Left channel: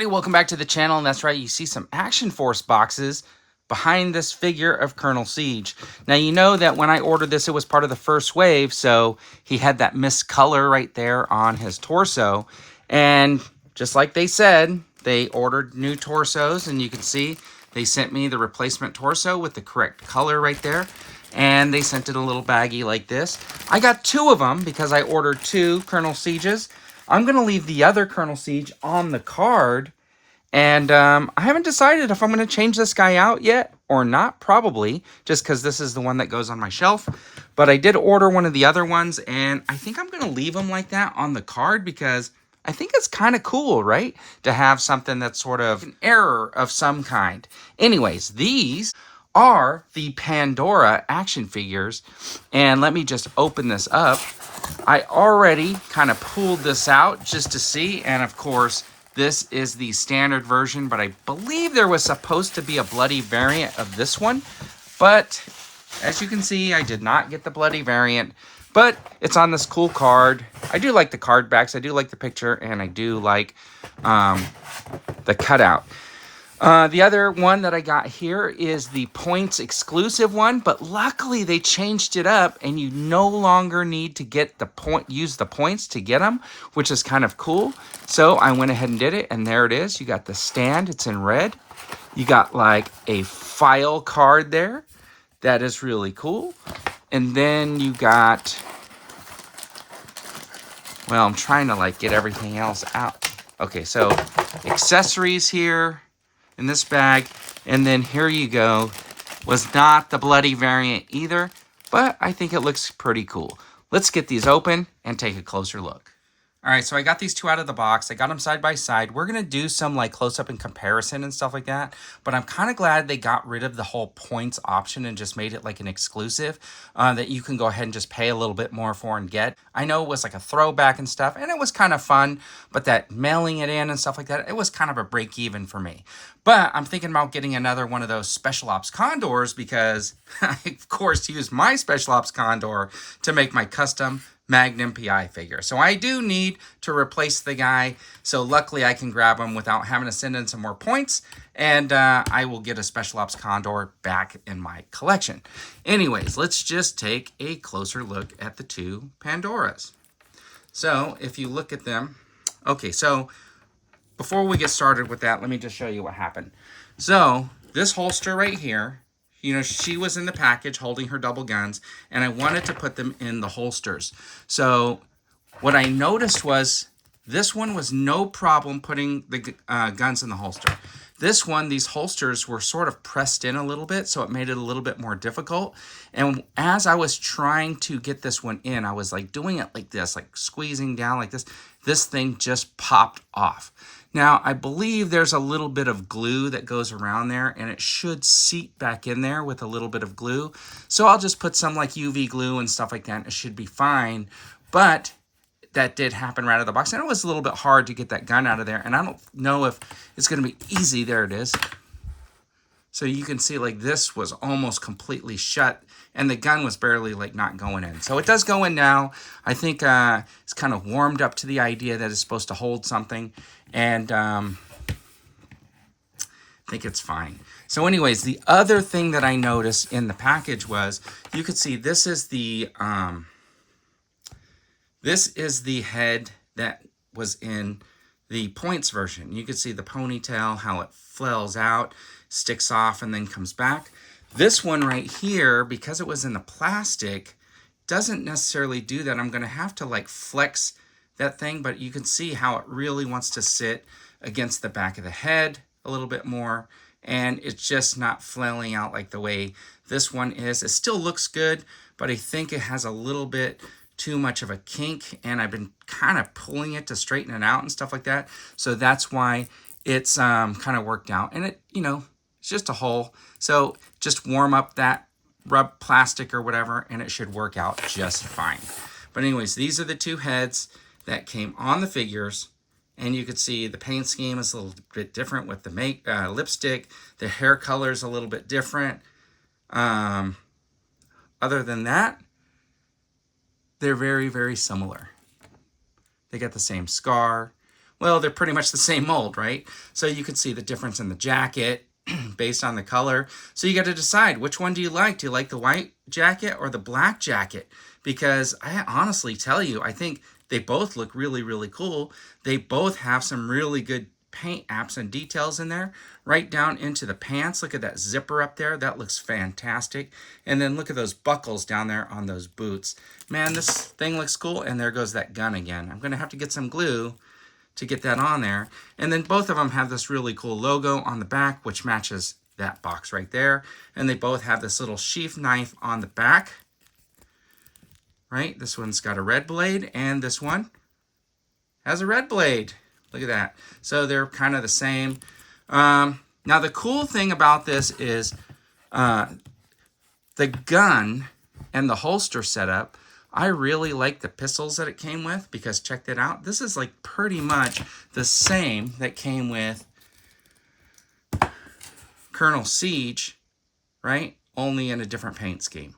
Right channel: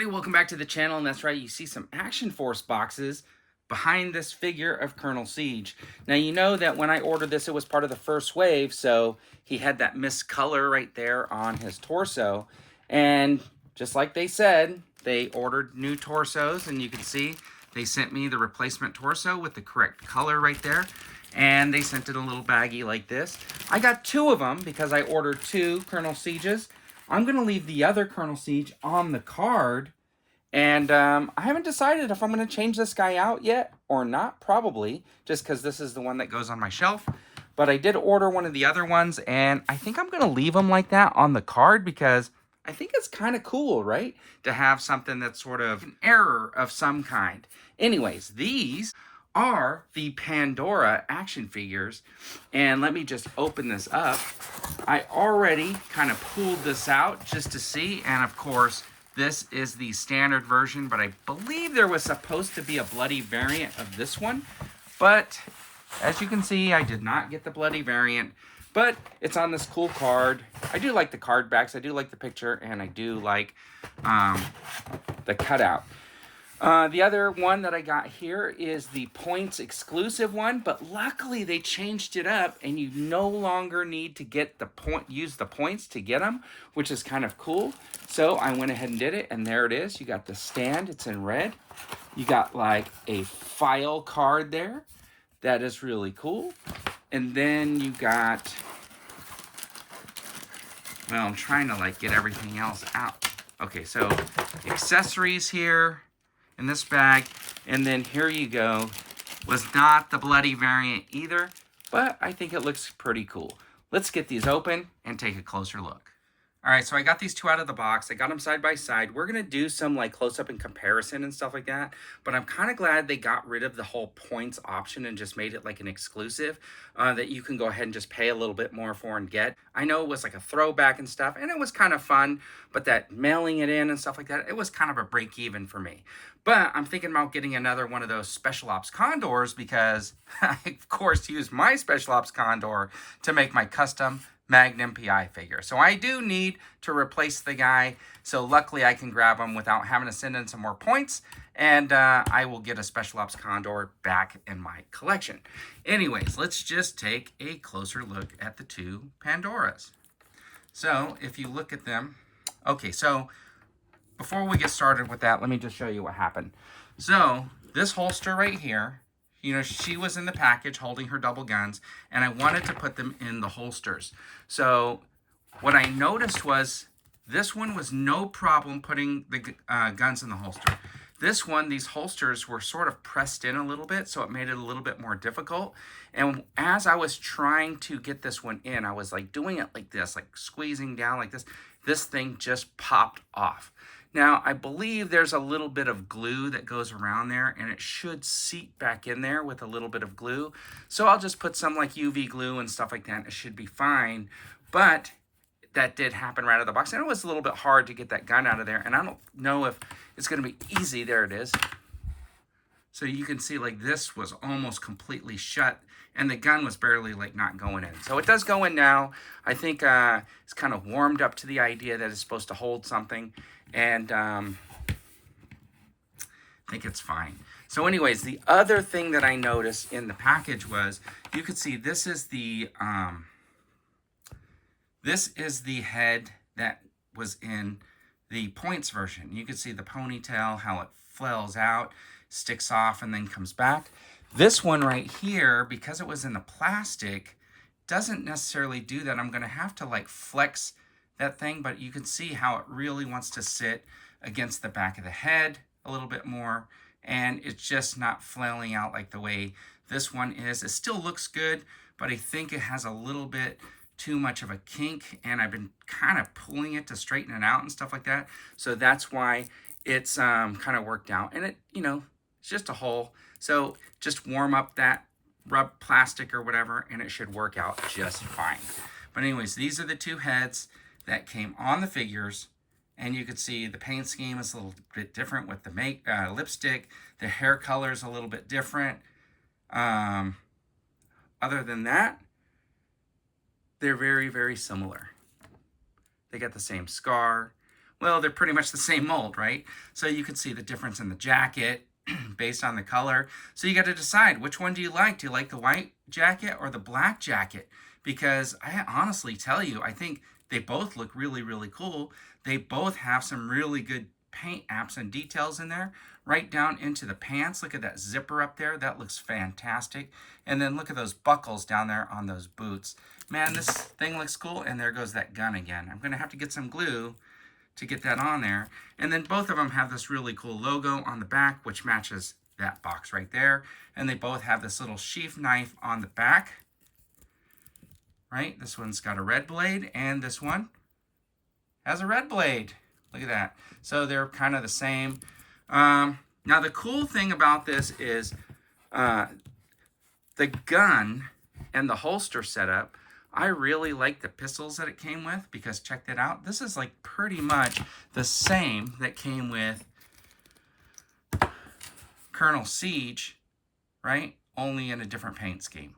everybody, welcome back to the channel. And that's right, you see some Action Force boxes behind this figure of Colonel Siege. Now you know that when I ordered this, it was part of the first wave, so he had that mist color right there on his torso. And just like they said, they ordered new torsos, and you can see they sent me the replacement torso with the correct color right there. And they sent it a little baggie like this. I got two of them because I ordered two Colonel Sieges. I'm going to leave the other Colonel Siege on the card, and I haven't decided if I'm going to change this guy out yet or not, probably, just because this is the one that goes on my shelf. But I did order one of the other ones, and I think I'm going to leave him like that on the card because I think it's kind of cool, right? To have something that's sort of an error of some kind. Anyways, these are the Pandora action figures, and let me just open this up. I already kind of pulled this out just to see, and of course this is the standard version, but I believe there was supposed to be a bloody variant of this one, but as you can see, I did not get the bloody variant, but it's on this cool card. I do like the card backs, I do like the picture, and I do like the cutout. The other one that I got here is the points exclusive one, but luckily they changed it up and you no longer need to get use the points to get them, which is kind of cool. So I went ahead and did it, and there it is. You got the stand, it's in red. You got like a file card there. That is really cool. And then you got, well, I'm trying to like get everything else out. Okay, so accessories here in this bag, and then here you go. Was not the bloody variant either, but I think it looks pretty cool. Let's get these open and take a closer look. All right, so I got these two out of the box. I got them side by side. We're gonna do some like close-up and comparison and stuff like that, but I'm kind of glad they got rid of the whole points option and just made it like an exclusive that you can go ahead and just pay a little bit more for and get. I know it was like a throwback and stuff, and it was kind of fun, but that mailing it in and stuff like that, it was kind of a break even for me. But I'm thinking about getting another one of those Special Ops Condors because I, of course, use my Special Ops Condor to make my custom Magnum PI figure. So I do need to replace the guy. So luckily I can grab him without having to send in some more points. And I will get a Special Ops Condor back in my collection. Anyways, let's just take a closer look at the two Pandoras. So if you look at them, okay, so before we get started with that, let me just show you what happened. So this holster right here, you know, she was in the package holding her double guns, and I wanted to put them in the holsters. So what I noticed was this one was no problem putting the guns in the holster. This one, these holsters were sort of pressed in a little bit, so it made it a little bit more difficult. And as I was trying to get this one in, I was like doing it like this, like squeezing down like this. This thing just popped off. Now, I believe there's a little bit of glue that goes around there, and it should seep back in there with a little bit of glue. So I'll just put some like UV glue and stuff like that. It should be fine. But that did happen right out of the box. And it was a little bit hard to get that gun out of there. And I don't know if it's going to be easy. There it is. So you can see like this was almost completely shut, and the gun was barely like not going in. So it does go in now. I think it's kind of warmed up to the idea that it's supposed to hold something, and I think it's fine. So anyways, the other thing that I noticed in the package was, you could see this is the head that was in the points version. You could see the ponytail, how it flails out, sticks off, and then comes back. This one right here, because it was in the plastic, doesn't necessarily do that. I'm going to have to like flex that thing, but you can see how it really wants to sit against the back of the head a little bit more, and it's just not flailing out like the way this one is. It still looks good, but I think it has a little bit too much of a kink, and I've been kind of pulling it to straighten it out and stuff like that. So that's why it's kind of worked out, and it, you know, it's just a hole. So just warm up that rub plastic or whatever, and it should work out just fine. But anyways, these are the two heads that came on the figures, and you can see the paint scheme is a little bit different with the lipstick. The hair color is a little bit different. Other than that, they're very, very similar. They got the same scar. Well, they're pretty much the same mold, right? So you can see the difference in the jacket based on the color. So you got to decide, which one do you like? Do you like the white jacket or the black jacket? Because I honestly tell you, I think they both look really, really cool. They both have some really good paint apps and details in there, right down into the pants. Look at that zipper up there. That looks fantastic. And then look at those buckles down there on those boots. Man, this thing looks cool. And there goes that gun again. I'm going to have to get some glue to get that on there. And then both of them have this really cool logo on the back, which matches that box right there. And they both have this little sheath knife on the back. Right? This one's got a red blade, and this one has a red blade. Look at that. So they're kind of the same. Now, the cool thing about this is the gun and the holster setup. I really like the pistols that it came with, because check that out. This is like pretty much the same that came with Colonel Siege, right? Only in a different paint scheme.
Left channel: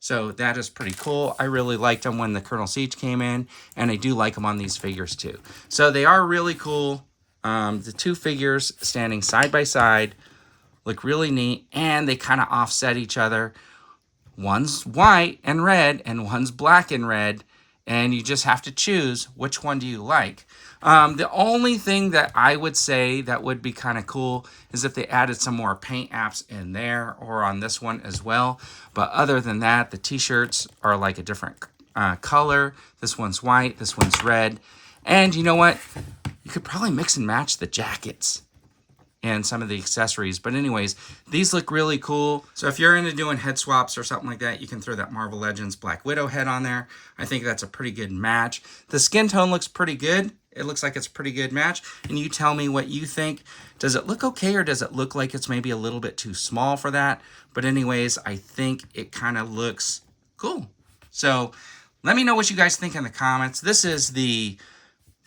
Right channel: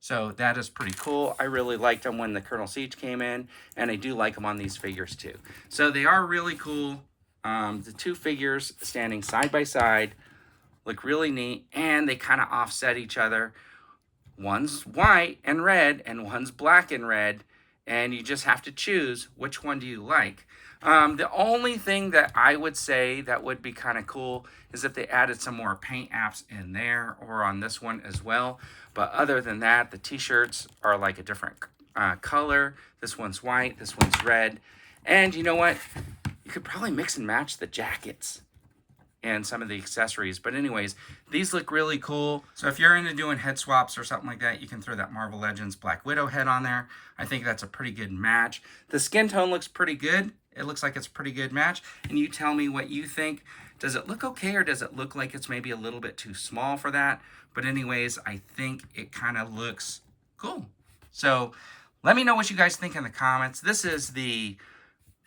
So that is pretty cool. I really liked them when the Colonel Siege came in, and I do like them on these figures too. So they are really cool. The two figures standing side by side look really neat, and they kind of offset each other. One's white and red, and one's black and red, and you just have to choose which one do you like. The only thing that I would say that would be kind of cool is if they added some more paint apps in there, or on this one as well. But other than that, the t-shirts are like a different color. This one's white, this one's red. And you know what? You could probably mix and match the jackets and some of the accessories. But anyways, these look really cool. So if you're into doing head swaps or something like that, you can throw that Marvel Legends Black Widow head on there. I think that's a pretty good match. The skin tone looks pretty good. It looks like it's a pretty good match. And you tell me what you think. Does it look okay, or does it look like it's maybe a little bit too small for that? But anyways, I think it kind of looks cool. So let me know what you guys think in the comments. This is the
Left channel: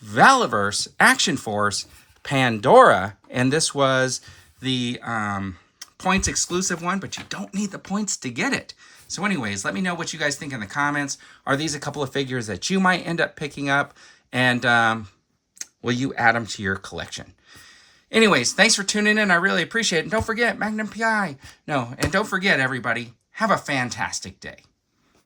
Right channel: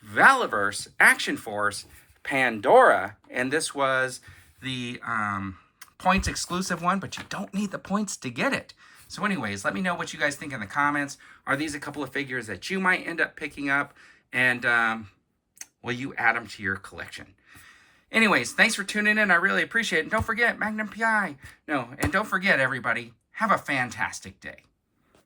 Valaverse Action Force Pandora, and this was the points exclusive one, but you don't need the points to get it. So anyways, let me know what you guys think in the comments. Are these a couple of figures that you might end up picking up, and will you add them to your collection? Anyways, thanks for tuning in. I really appreciate it. And don't forget, Magnum PI. No, and don't forget, everybody, have a fantastic day.